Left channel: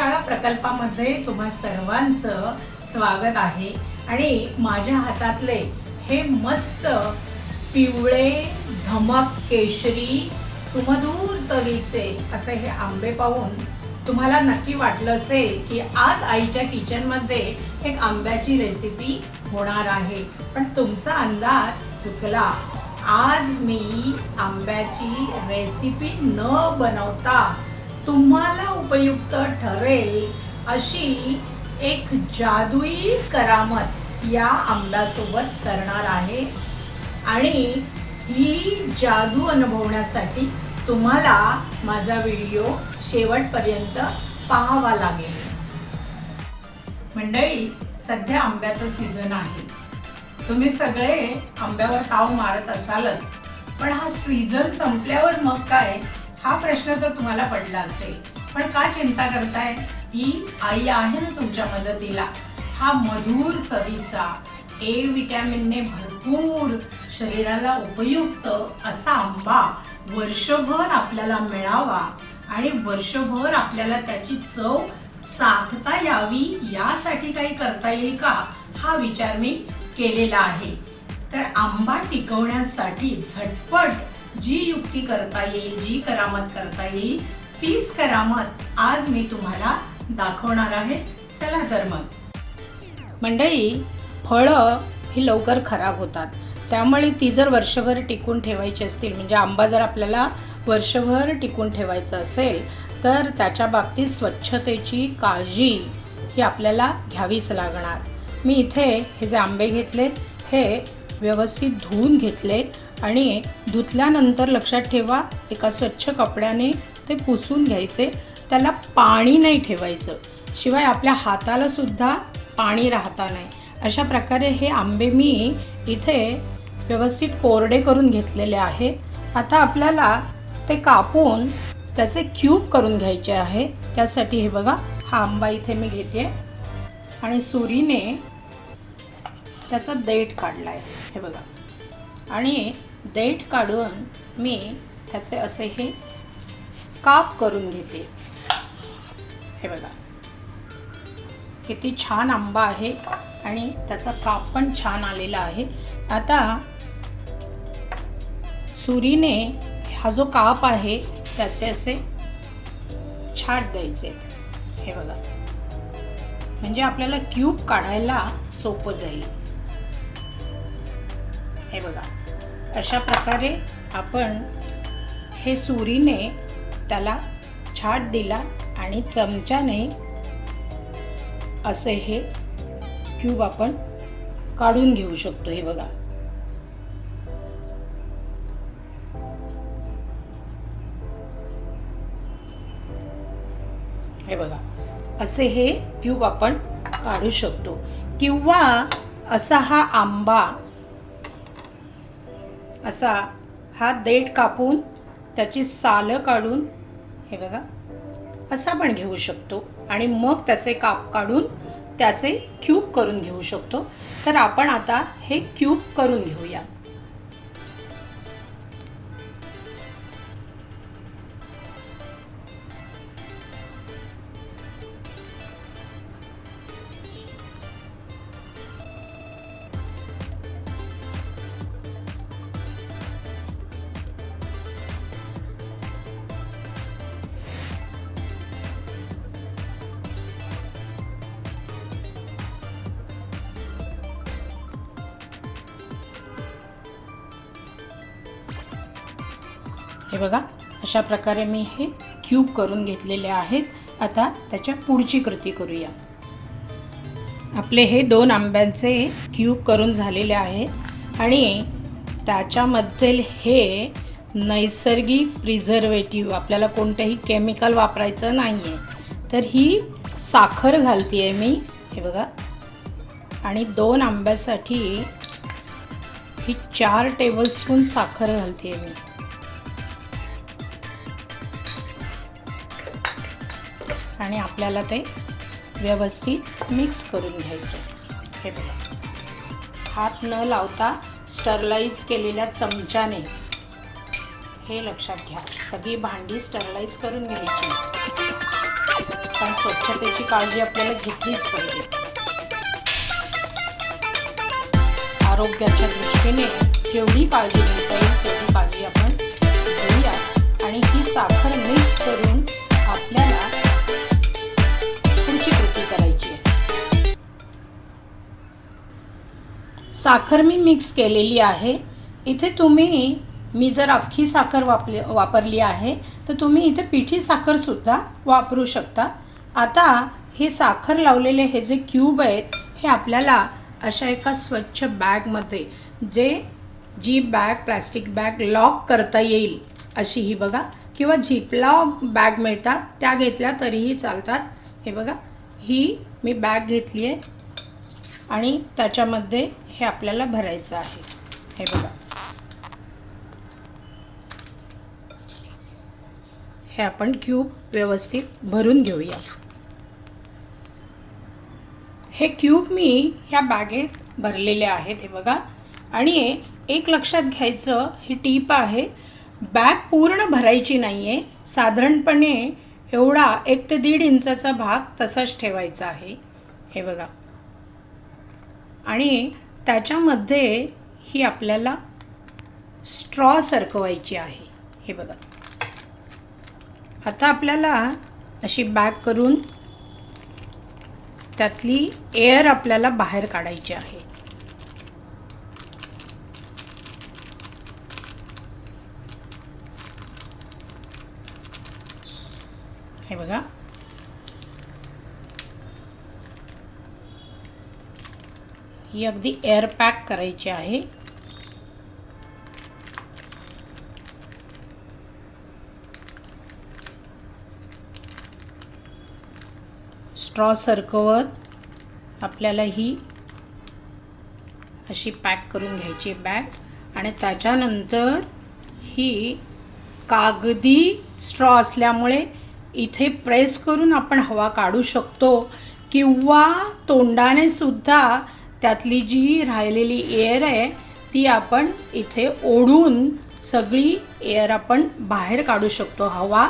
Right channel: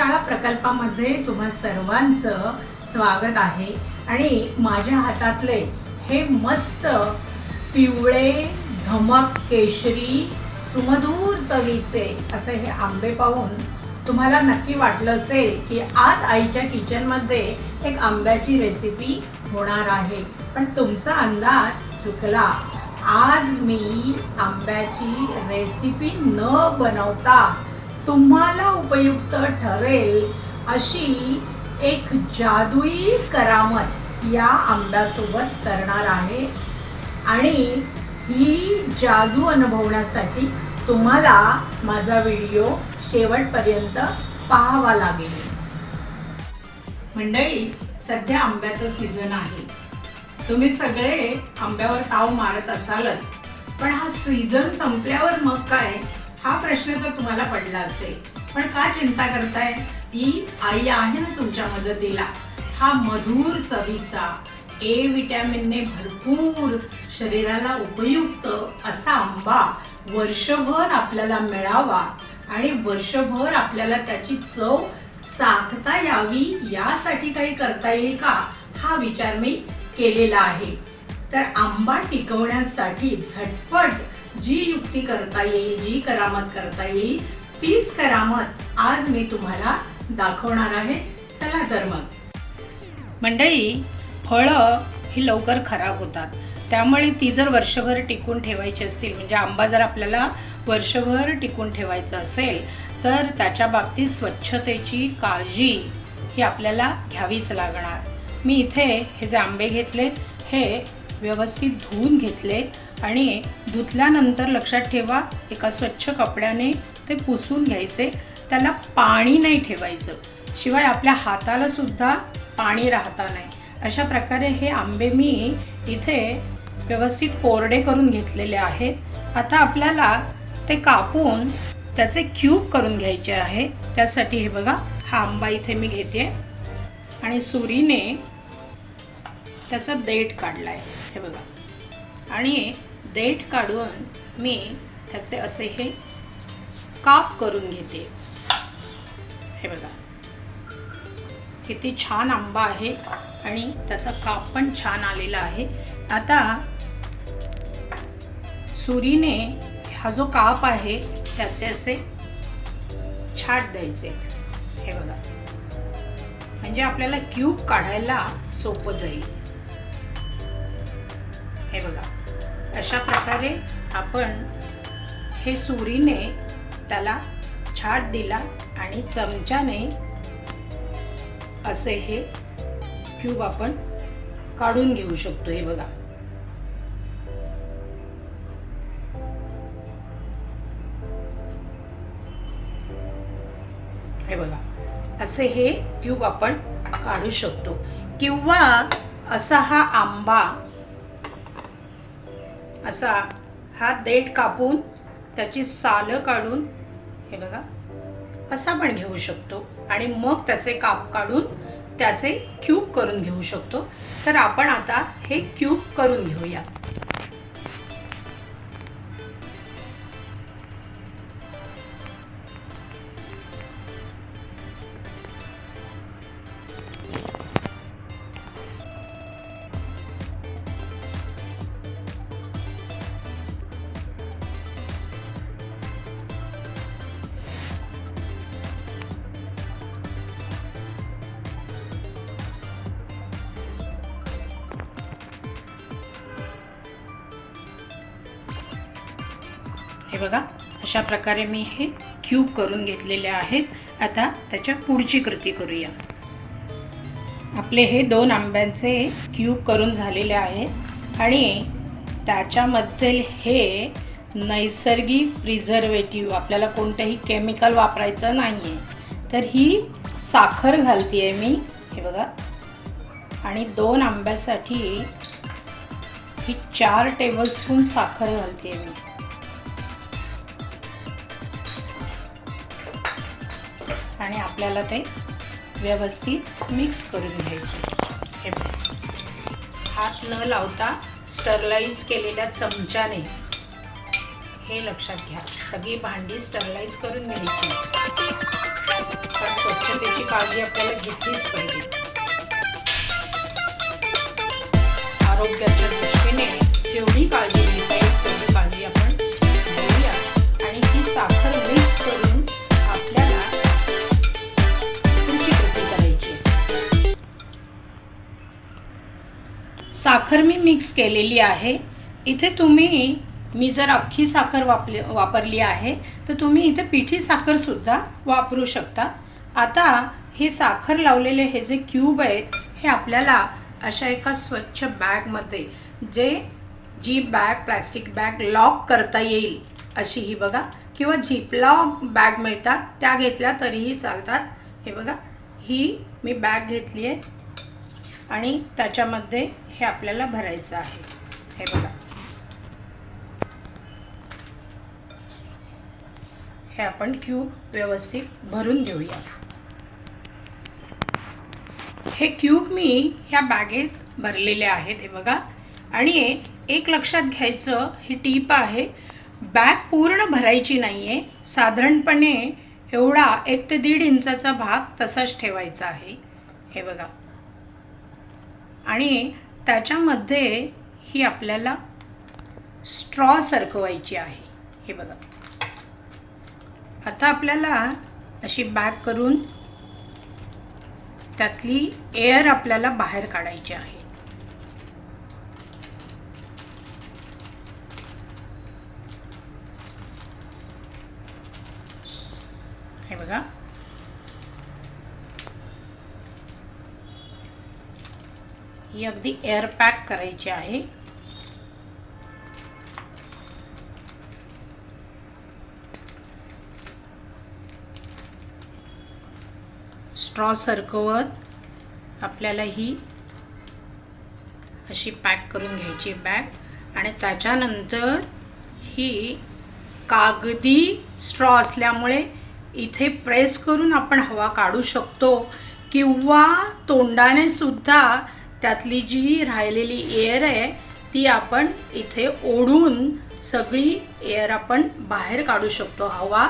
शाळा प्रकल्पामध्ये तुम्हा सर्वांचं स्वागत आहे. आणि माझ्या हातातले हे मस्त पिवळे धमक केशरी सुमधूर चवीचे असे हे आंबे पाहून तुम्हाला नक्की वाटलं असेल की आज आईच्या किचनमध्ये एक आंब्याची रेसिपी होणार आहे. पण तुमचा अंदाज चुकला. आज मी आंब्याची रेसिपी न बनवता तुम्हाला उपयुक्त ठरेल अशी एक जादुई करामत या आंब्यासोबत करणार आहे. आणि ही जादू अनुभवण्यासाठी तुम्हाला माझा व्हिडिओ शेवटपर्यंत पाहावा लागेल. मंडळी सध्या आंब्याचं सीझन आहे. तुम्ही सगळे आंब्यावर ताव मारत असालच पण हा सीझन संपल्यावर मग काय? हा प्रश्न तर तुम्हाला पडला असेल. पण का चिंता करताय? ही आई आहे ना तुमच्या मदतीला. हा मधुर चवीचा ए विटॅमिनने भरपूर शरीराला उपयुक्त असा आंबा वर्षभर आपल्याला मिळावा आणि वर्षभर आपल्याला त्याची चव चाखता यावी यासाठी काही करता येईल का? हा विचार मी केलेला आहे. तर आंबा टिकवण्यासाठी झटपट जी युक्ती करता येईल जी करामत करता येईल तीच करामत आज मी तुम्हाला दाखवणार आहे. चला तर मग. मंडळी फळं ही लवकर खराब होतात. त्यामुळे ती जर वर्षभर टिकून ठेवायची असतील म्हणजे आंबा जर आपल्याला वर्षभर टिकून ठेवायचं असेल तर त्याच्या बाबतीत स्वच्छतेची काळजी ही आपल्याला घ्यावीच लागणार. मी इथे हे जे आंबे घेतले हे व्यवस्थित धुवून घेतले आणि धुतल्यानंतर लक्षात ठेवा एका स्वच्छ कपड्याने ते पुसून घ्यायचे. त्याला पाणी नाही ठेवायचं. शिवाय आपल्या हाताला सुद्धा पाणी राहता नाही. अशा प्रकारे हे आंबे मी इथे व्यवस्थित कोरडे करून घेतलेले आहे आता आपल्याला ते कापून त्याचे क्यूब करून घ्यायचे आहे. त्यासाठी हे बघा हा आंबा इथे मी घेते आणि सुरीने त्याचा देठ काढला आहे हे बघा. आणि देठ काढून मी त्याचे असे हे काप करून घेते. हे बघा. किती छान आंबा आहे आणि त्याचा काप पण छान आलेला आहे. आता सुरीने हा जो काप आहे त्याचे असे छाट द्यायचे. हे बघा. म्हणजे आपल्याला क्यूब काढायला सोपं जाईल. हे बघा. अशा प्रकारे आपण हे सुरीने त्याला छाट दिला आणि चमच्याने असे हे क्यूब आपण काढून घेऊ शकतो. हे बघा. हे बघा. असे हे क्यूब आपण काढू शकतो. किंवा असा हा आंबा असा हा देठ कापून त्याची सालं काढून हे बघा असा पण घेऊ शकतो. आणि मग त्याचे काप काढून त्याचे क्यूब करून घेऊ शकतो. तर आपण आता हे क्यूब करून घेऊया. हे बघा अशा प्रकारे मी हे क्यूब करून घेतलेले आहेत. आता त्याच्या पुढची कृती करूया. आपले हे दोन आंब्यांचे क्यूब करून झालेले आहेत आणि त्याच्यामध्ये हे नैसर्गिक प्रिझर्वेटिव्ह आपल्याला कोणतंही केमिकल वापरायचं नाही आहे तर ही साखर घालते आहे मी. हे बघा. आणि दोन आंब्यासाठी ही चार टेबलस्पून साखर घालते आहे मी. आणि आपल्याला ते व्यवस्थित मिक्स करून घ्यायचं. हे हात न लावता स्टरलाइज केलेल्या चमच्याने हे लक्षात घ्या. सगळी भांडी स्टरलाइज करून घ्यायची. पण स्वच्छतेची काळजी आपल्याला घेतलीच पाहिजे. आरोग्याच्या दृष्टीने जेवढी काळजी घेता येईल साखर मी मिक्स केलेली आहे. इथे तुम्ही मी जर अख्खी साखर वापली वापरली आहे तर तुम्ही इथे पिठी साखरसुद्धा वापरू शकता. आता हे साखर लावलेले हे जे क्यूब आहेत हे आपल्याला अशा एका स्वच्छ बॅगमध्ये जे जी बॅग प्लॅस्टिक बॅग लॉक करता येईल अशी ही बघा. किंवा झिपलॉक बॅग मिळतात त्या घेतल्या तरीही चालतात. हे बघा ही मी बॅग घेतली आहे. आणि त्याच्यामध्ये हे आपल्याला भरायचं आहे. हे बघा. हे आपण क्यूब व्यवस्थित भरून घेऊया. हे क्यूब मी ह्या बॅगेत भरलेले आहेत हे बघा. आणि एक लक्षात घ्यायचं ही टीप आहे बॅग पूर्ण भरायची नाही आहे साधारणपणे एवढा एक ते दीड इंचाचा भाग तसाच ठेवायचा आहे. हे बघा. आणि त्याच्यामध्ये ही आपल्याला स्ट्रॉ सरकवायची आहे. हे बघा. आता आपल्याला अशी बॅग करून त्यातली एअर आपल्याला बाहेर काढायची आहे. हे बघा. ही अगदी एअर पॅक करायची आहे. स्ट्रॉ सरकवत आपल्याला ही अशी पॅक करून घ्यायची बॅग आणि त्याच्यानंतर ही कागदी स्ट्रॉ असल्यामुळे इथे प्रेस करून आपण हवा काढू शकतो किंवा तोंडाने सुद्धा त्यातली जी राहिलेली एअर आहे ती आपण इथे ओढून सगळी एअर आपण बाहेर काढू शकतो. हवा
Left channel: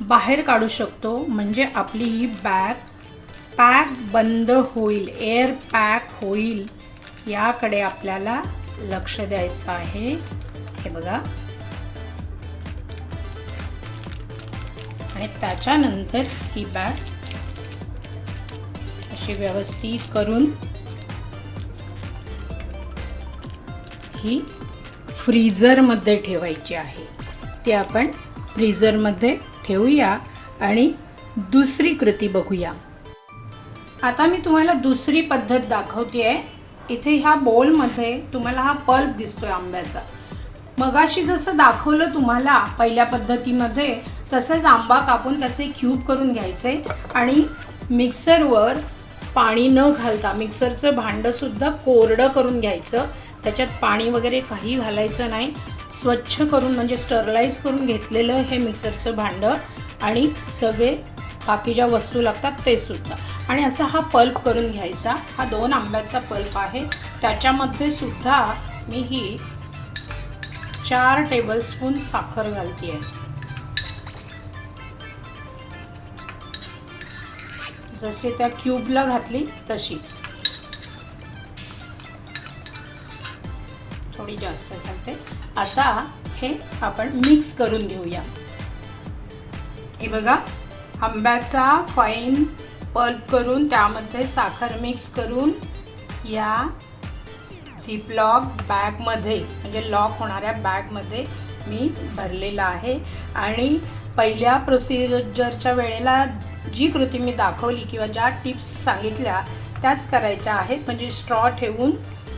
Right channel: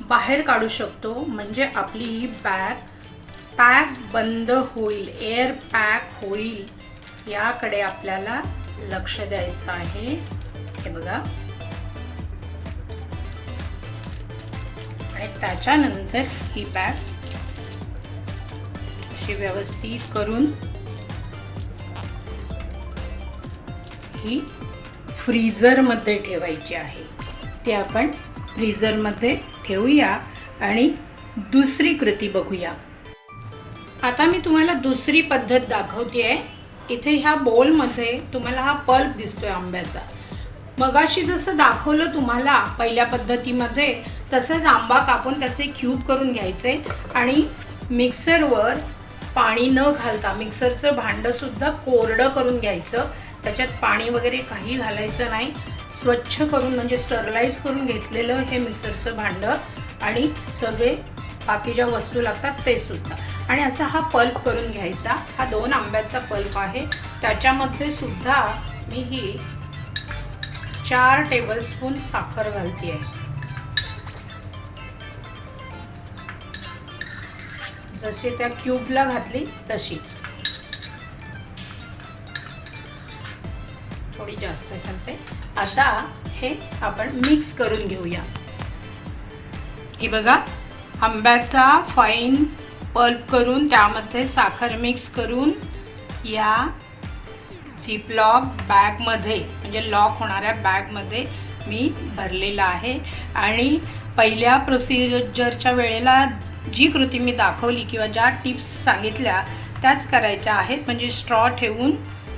बाहेर काढू शकतो. म्हणजे आपली ही बॅग पॅक बंद होईल. एअर पॅक होईल. याकडे आपल्याला लक्ष द्यायचं आहे. हे बघा. आणि त्याच्यानंतर ही बॅग अशी व्यवस्थित करून ही फ्रीजरमध्ये ठेवायची आहे. ती आपण फ्रीजरमध्ये ठेवूया आणि दुसरी कृती बघूया. आता मी तुम्हाला दुसरी पद्धत दाखवते आहे इथे ह्या बोलमध्ये तुम्हाला हा पल्प दिसतोय आंब्याचा. मगाशी जसं दाखवलं तुम्हाला पहिल्या पद्धतीमध्ये तसंच आंबा कापून त्याचे क्यूब करून घ्यायचे आणि मिक्सरवर पाणी न घालता मिक्सरचं भांडंसुद्धा कोरडं करून घ्यायचं. त्याच्यात पाणी वगैरे काही घालायचं नाही. स्वच्छ करून म्हणजे स्टरलाइज करून घेतलेलं हे मिक्सरचं भांडं आणि सगळे बाकी ज्या वस्तू लागतात ते सुद्धा. आणि असा हा पल्प करून घ्यायचा. हा दोन आंब्याचा पल्प आहे. त्याच्यामध्ये सुद्धा मी ही चार टेबलस्पून साखर घालते आहे जशी त्या क्यूबला घातली तशीच. थोडी जास्त घालते. आता हे आपण मिक्स करून घेऊया. हे बघा आंब्याचा फाईन पल्प करून त्यामध्ये साखर मिक्स करून या झिपलॉक बॅगमध्ये म्हणजे लॉक होणाऱ्या बॅगमध्ये मी भरलेला आहे. आणि पहिल्या प्रोसिजरच्या वेळेला जी कृती मी दाखवली किंवा ज्या टिप्स सांगितल्या त्याच करायच्या आहेत. म्हणजे स्ट्रॉ ठेवून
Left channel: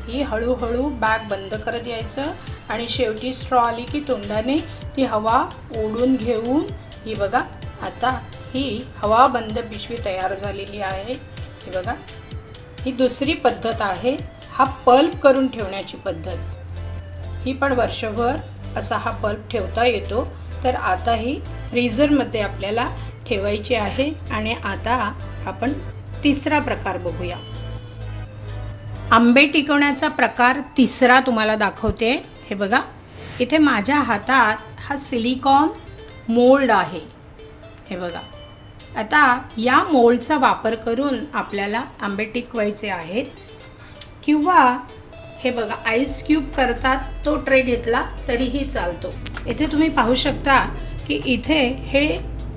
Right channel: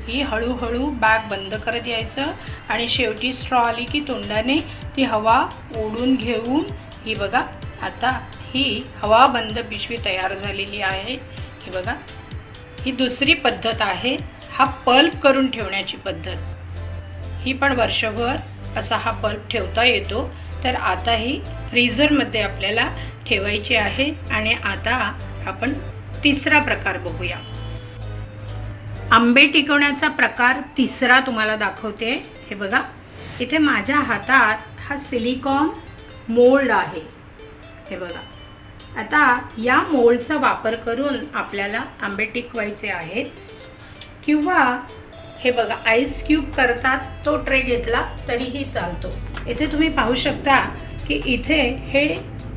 ही हळूहळू बॅग बंद करत यायचं. आणि शेवटी स्ट्रॉ आली की तोंडाने ती हवा ओढून घेऊन ही बघा आता ही हवा बंद पिशवी तयार झालेली आहे. ही बघा ही दुसरी पद्धत आहे. हा पल्प करून ठेवण्याची पद्धत. ही पण वर्षभर असा हा पल्प ठेवता येतो. तर आता ही फ्रीझरमध्ये आपल्याला ठेवायची आहे. आणि आता आपण तिसरा प्रकार बघूया. आंबे टिकवण्याचा प्रकार तिसरा तुम्हाला दाखवते. हे बघा. इथे माझ्या हातात हा सिलिकॉन मोल्ड आहे. हे बघा. आता या मोल्डचा वापर करून आपल्याला आंबे टिकवायचे आहेत. किंवा हे बघा आईस क्यूब करतात तो ट्रे घेतला तरीही चालतो. इथे तुम्ही पाहू शकता की इथे हे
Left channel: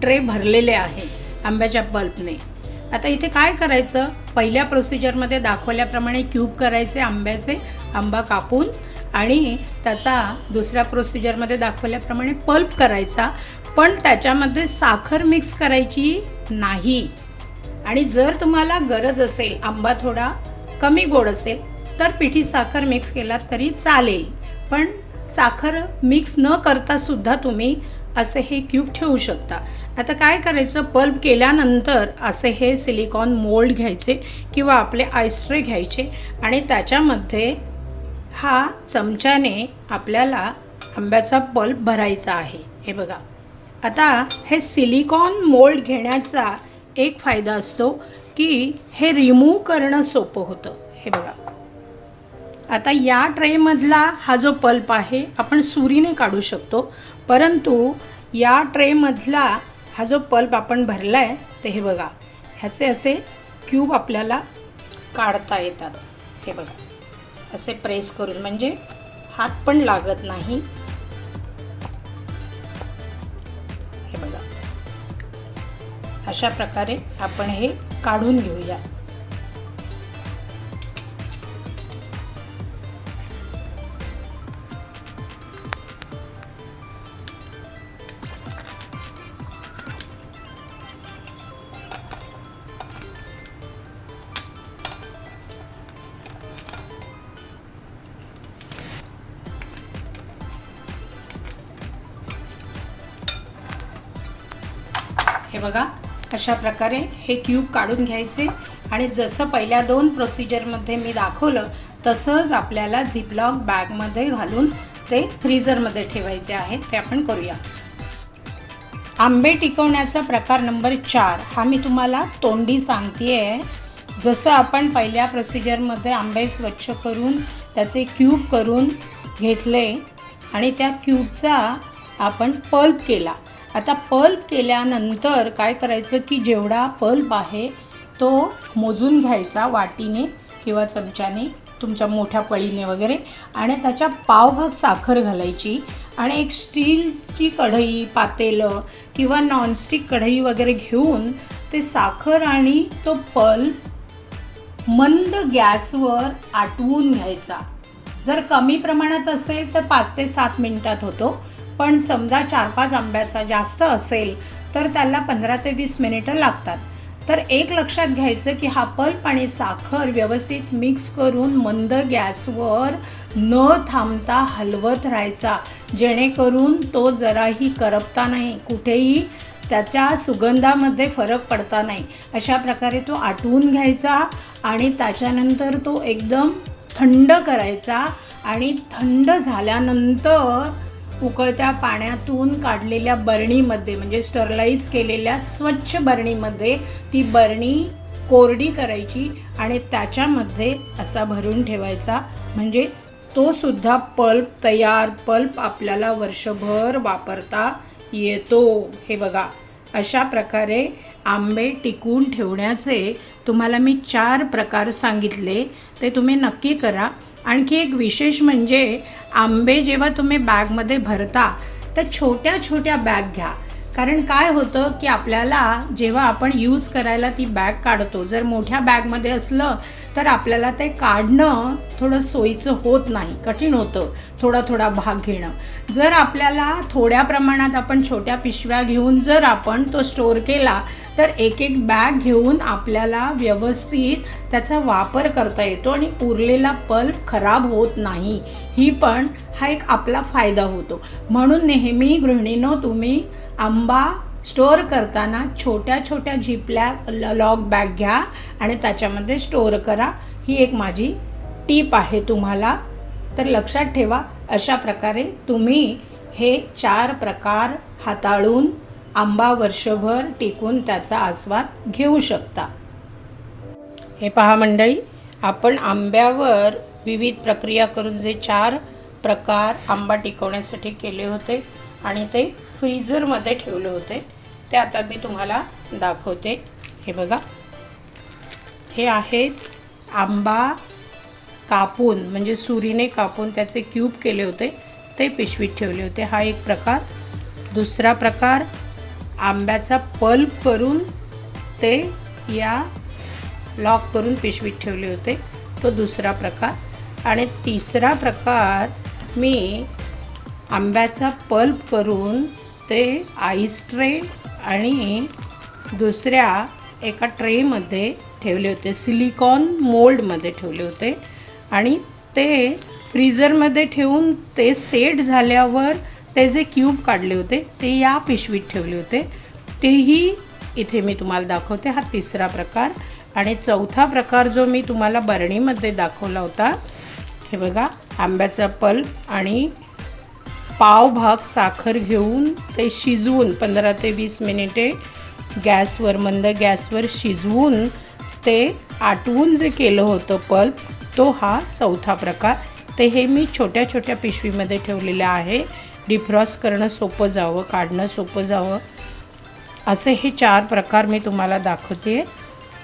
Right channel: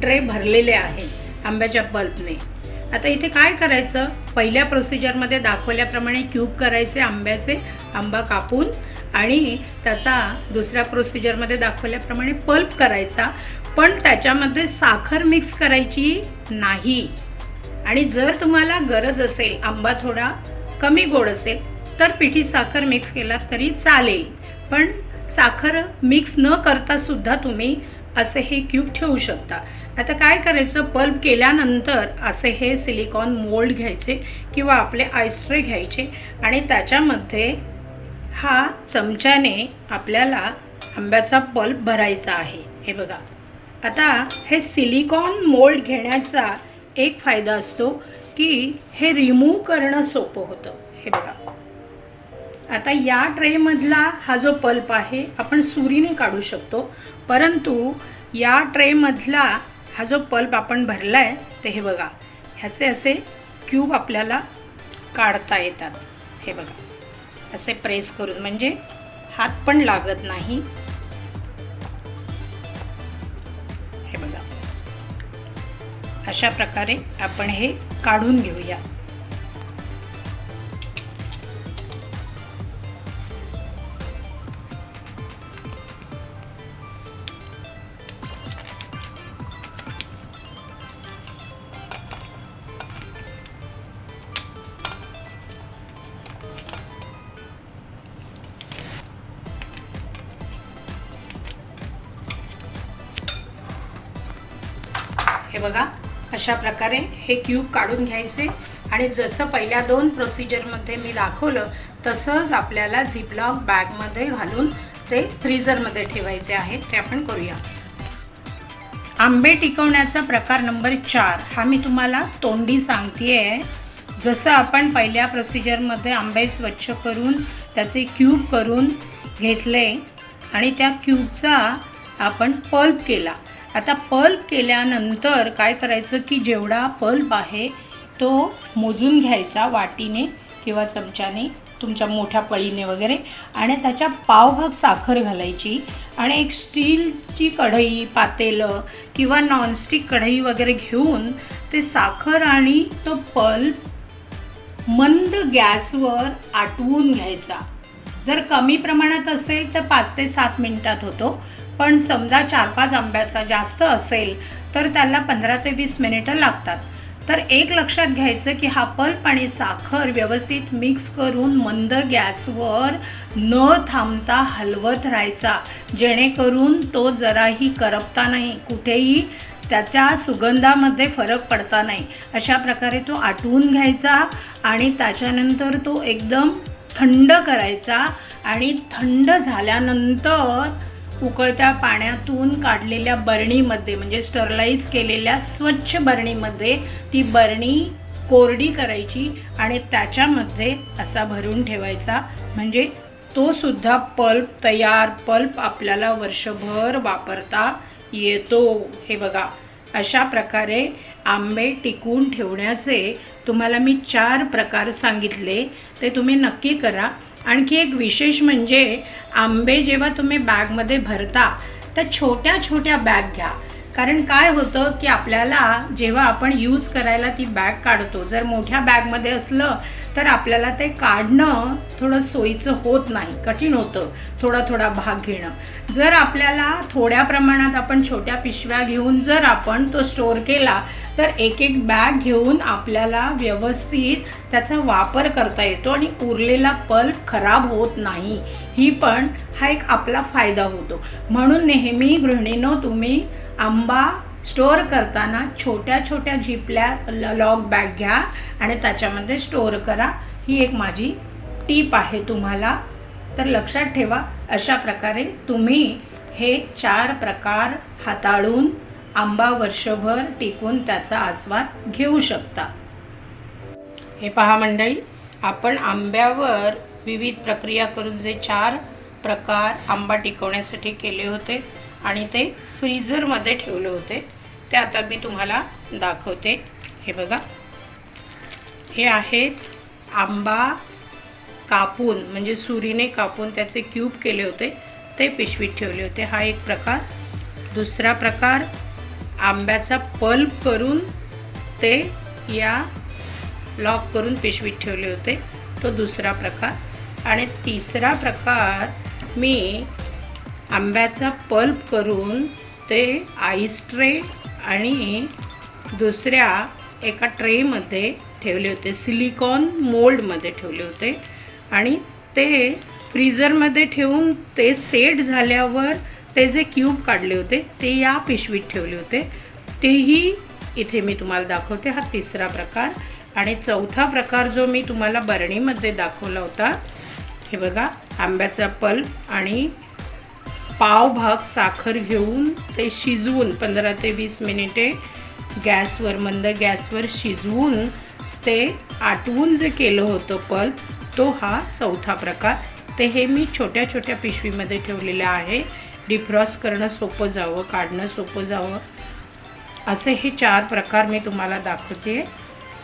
ट्रे भरलेले आहे आंब्याच्या बल्बने आता इथे काय करायचं? पहिल्या प्रोसिजरमध्ये दाखवल्याप्रमाणे क्यूब करायचे आंब्याचे आंबा कापून आणि त्याचा दुसऱ्या प्रोसिजरमध्ये दाखवल्याप्रमाणे पल्प करायचा. पण त्याच्यामध्ये साखर मिक्स करायची नाही. आणि जर तुम्हाला गरज असेल आंबा थोडा कमी गोड असेल तर पिठी साखर मिक्स केला तरी चालेल. पण साखर मिक्स न करता सुद्धा तुम्ही असे हे क्यूब ठेवू शकता. आता काय करायचं? पल्प केल्यानंतर असे हे सिलिकॉन मोल्ड घ्यायचे किंवा आपले आईस्ट्रे घ्यायचे आणि त्याच्यामध्ये हा चमच्याने आपल्याला आंब्याचा पल्प भरायचा आहे. हे बघा. आता हे सिलिकॉन मोल्ड घेण्याचा एक फायदा असतो की हे रिमूव्ह करणं सोपं होतं. हे बघा. आता या ट्रेमधला हा जो पल्प आहे आपण सुरीने काढू शकतो. परंतु या ट्रेमधला हा जो पल्प आपण भरला आहे ते हे बघा. ह्याचे असे क्यूब आपल्याला काढता येतात. हे बघा. असे प्रेस करून म्हणजे हात पण लागत नाही. हे बघा. अशा प्रकारे आपण हे काढून घेऊया. अशा प्रकारे हे क्यूब काढून घ्यायचे आणि जसं पहिल्या दोन प्रोसिजरमध्ये मी दाखवलं तसंच आपल्याला झिपलॉक बॅगमध्ये घालून ते फ्रीझरमध्ये ठेवायचे आहेत ते आपण करूया. आंबे टिकवण्याचा प्रकार नंबर चार हा मी तुम्हाला तोंडी सांगते आहे जसं आपण पहिल्या प्रोसिजरमध्ये आंबे स्वच्छ करून त्याचे क्यूब करून घेतले आणि त्या क्यूबचा आपण पल्प केला. आता पल्प केल्यानंतर काय करायचं की जेवढा पल्प आहे तो मोजून घ्यायचा वाटीने किंवा चमच्याने तुमच्या मोठ्या पळीने वगैरे. आणि त्याच्या पावभाग साखर घालायची. आणि एक स्टीलची कढई पातेलं किंवा नॉनस्टिक कढई वगैरे घेऊन ते साखर आणि तो पल्प मंद गॅसवर आटवून घ्यायचा. जर कमी प्रमाणात असेल तर पाच ते सात मिनिटात होतो. पण समजा चार पाच आंब्याचा जास्त असेल तर त्याला पंधरा ते वीस मिनिटं लागतात. तर एक लक्षात घ्यायचं की हा पल्प आणि साखर व्यवस्थित मिक्स करून मंद गॅसवर न थांबता हलवत राहायचा. जेणेकरून तो जराही करपता नाही कुठेही त्याच्या सुगंधामध्ये फरक पडता नाही. अशा प्रकारे तो आटवून घ्यायचा आणि त्याच्यानंतर तो एकदम थंड करायचा आणि थंड झाल्यानंतर उकळत्या पाण्यातून काढलेल्या बरणीमध्ये म्हणजे स्टरलाईज केलेल्या स्वच्छ बरणीमध्ये ती बरणी कोरडी करायची आणि त्याच्यामध्ये असा भरून ठेवायचा. म्हणजे तो सुद्धा पल्प तयार पल्प आपल्याला वर्षभर वापरता येतो. हे बघा अशा प्रकारे आंबे टिकून ठेवण्याचे तुम्हाला मी चार प्रकार सांगितले. ते तुम्ही नक्की करा. आणखी एक विशेष म्हणजे आंबे जेव्हा तुम्ही बॅगमध्ये भरता तर छोट्या छोट्या बॅग घ्या. कारण काय होतं की आपल्याला जेव्हा आपण यूज करायला ती बॅग काढतो जर मोठ्या बॅगमध्ये असलं तर आपल्याला ते काढणं थोडं सोयीचं होत नाही कठीण होतं थोडा थोडा भाग घेणं. जर आपल्याला थोड्या प्रमाणात आपण छोट्या पिशव्या घेऊन जर आपण तो स्टोअर केला तर एक एक बॅग घेऊन आपल्याला व्यवस्थित त्याचा वापर करता येतो आणि उरलेला पल्प खराब होत नाही. ही पण हा एक आपला फायदा होतो. म्हणून नेहमी गृहिणीनो तुम्ही आंबा स्टोअर करताना छोट्या छोट्या झिपल्या लॉग बॅग घ्या आणि त्याच्यामध्ये स्टोअर करा. ही एक माझी टीप आहे तुम्हाला. तर लक्षात ठेवा अशा प्रकारे तुम्ही हे चार प्रकार हाताळून आंबा वर्षभर टिकून त्याचा आस्वाद घेऊ शकता. हे पहा मंडळी आपण आंब्यावर विविध प्रक्रिया करून जे चार प्रकार आंबा टिकवण्यासाठी केले होते आणि ते फ्रीझरमध्ये ठेवले होते ते आता मी तुम्हाला दाखवते. हे बघा. हे आहेत आंबा कापून म्हणजे सुरीने कापून त्याचे क्यूब केले होते ते पिशवीत ठेवले होते. हा एक प्रकार. दुसरा प्रकार आंब्याचा पल्प करून ते या लॉक करून पिशवीत ठेवले होते. तो दुसरा प्रकार. आणि तिसरा प्रकार मी आंब्याचा पल्प करून ते आईस ट्रे आणि दुसऱ्या एका ट्रेमध्ये ठेवले होते. सिलिकॉन मोल्डमध्ये ठेवले होते. आणि ते फ्रीझरमध्ये ठेवून ते सेट झाल्यावर ते जे क्यूब काढले होते ते या पिशवीत ठेवले होते. तेही इथे मी तुम्हाला दाखवते. हा तिसरा प्रकार आणि चौथा प्रकार जो मी तुम्हाला बरणीमध्ये दाखवला होता हे बघा आंब्याचा पल्प आणि पाव भाग साखर घेऊन ते शिजवून पंधरा ते वीस मिनिटे गॅसवर मंद गॅसवर शिजवून ते आटवून जे केलं होतं पल्प तो हा चौथा प्रकार. ते हे मी छोट्या छोट्या पिशवीमध्ये ठेवलेलं आहे. डिफ्रॉस्ट करणं सोपं जावं काढणं सोपं जावं. असे हे चार प्रकार मी तुम्हाला दाखवते.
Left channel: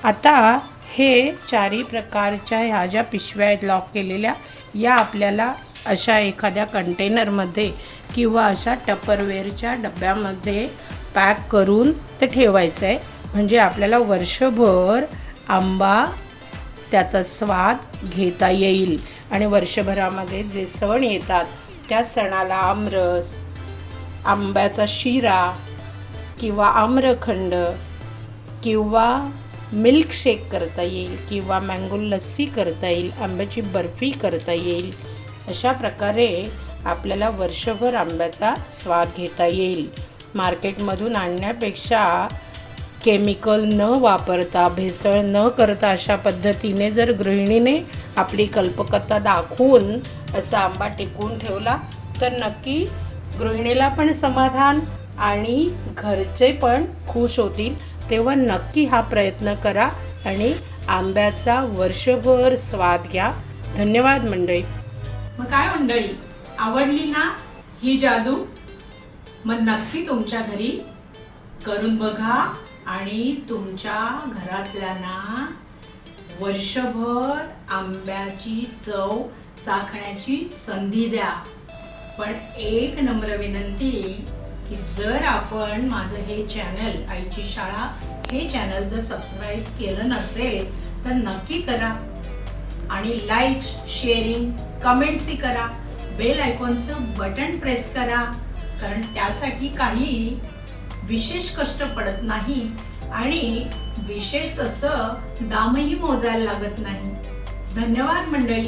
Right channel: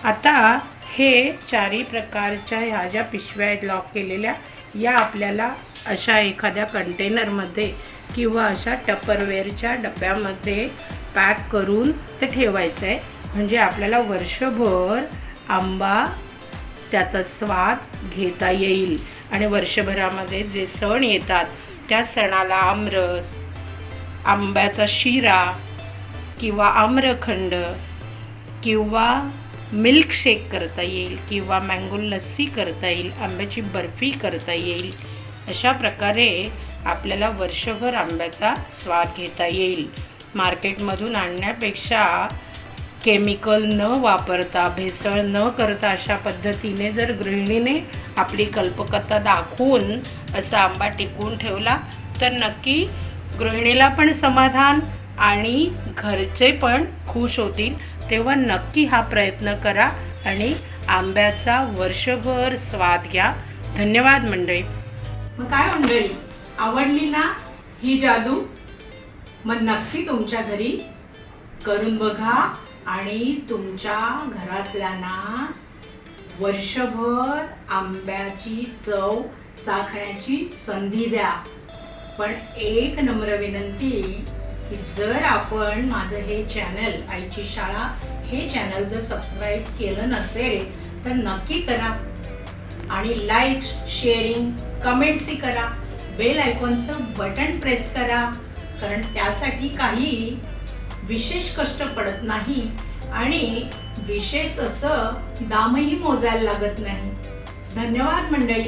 आता हे चारही प्रकारच्या ह्या ज्या पिशव्या आहेत लॉक केलेल्या या आपल्याला अशा एखाद्या कंटेनरमध्ये किंवा अशा टपरवेअरच्या डब्यामध्ये पॅक करून ते ठेवायचं आहे. म्हणजे आपल्याला वर्षभर आंबा त्याचा स्वाद घेता येईल. आणि वर्षभरामध्ये जे सण येतात त्या सणाला आमरस आंब्याचा शिरा किंवा आम्रखंड किंवा मिल्कशेक करता येईल किंवा मँगो लस्सी करता येईल आंब्याची बर्फी करता येईल अशा प्रकारे आपल्याला वर्षभर आंब्याचा स्वाद घेता येईल. मार्केटमधून आणण्यापेक्षा केमिकल न वापरता भेसळ न करता अशा पद्धतीने जर गृहिणीने आपली कल्पकता दाखवून असा आंबा टिकवून ठेवला तर नक्की गृहिणीला पण समाधान आणि घरचे पण खुश होतील. तेव्हा नक्की हा प्रयत्न करा आणि आंब्याचा वर्षभर स्वाद घ्या. धन्यवाद मंडळी. मग काय मंडळी आवडली ना ही जादू? मग नक्की तुमच्या घरी करून बघा. आणि तुमच्या घरातल्यांना वर्षभर आंब्याची चव चाखण्याची संधी द्या. पण एक नम्र विनंती की जर आपण माझं हे चॅनल आईची शाळा हे चॅनल जर सबस्क्राईब केलं नसेल तर नक्की करा. आणि लाईक शेअरिंग कमेंट्सही करा. बेल आयकॉनचं बटन प्रेस करा. कारण त्यासाठी काही विशेष कष्ट पडत नाही आणि विशेष असं दामही मोजायला लागत नाही. धन्यवाद मंडळी.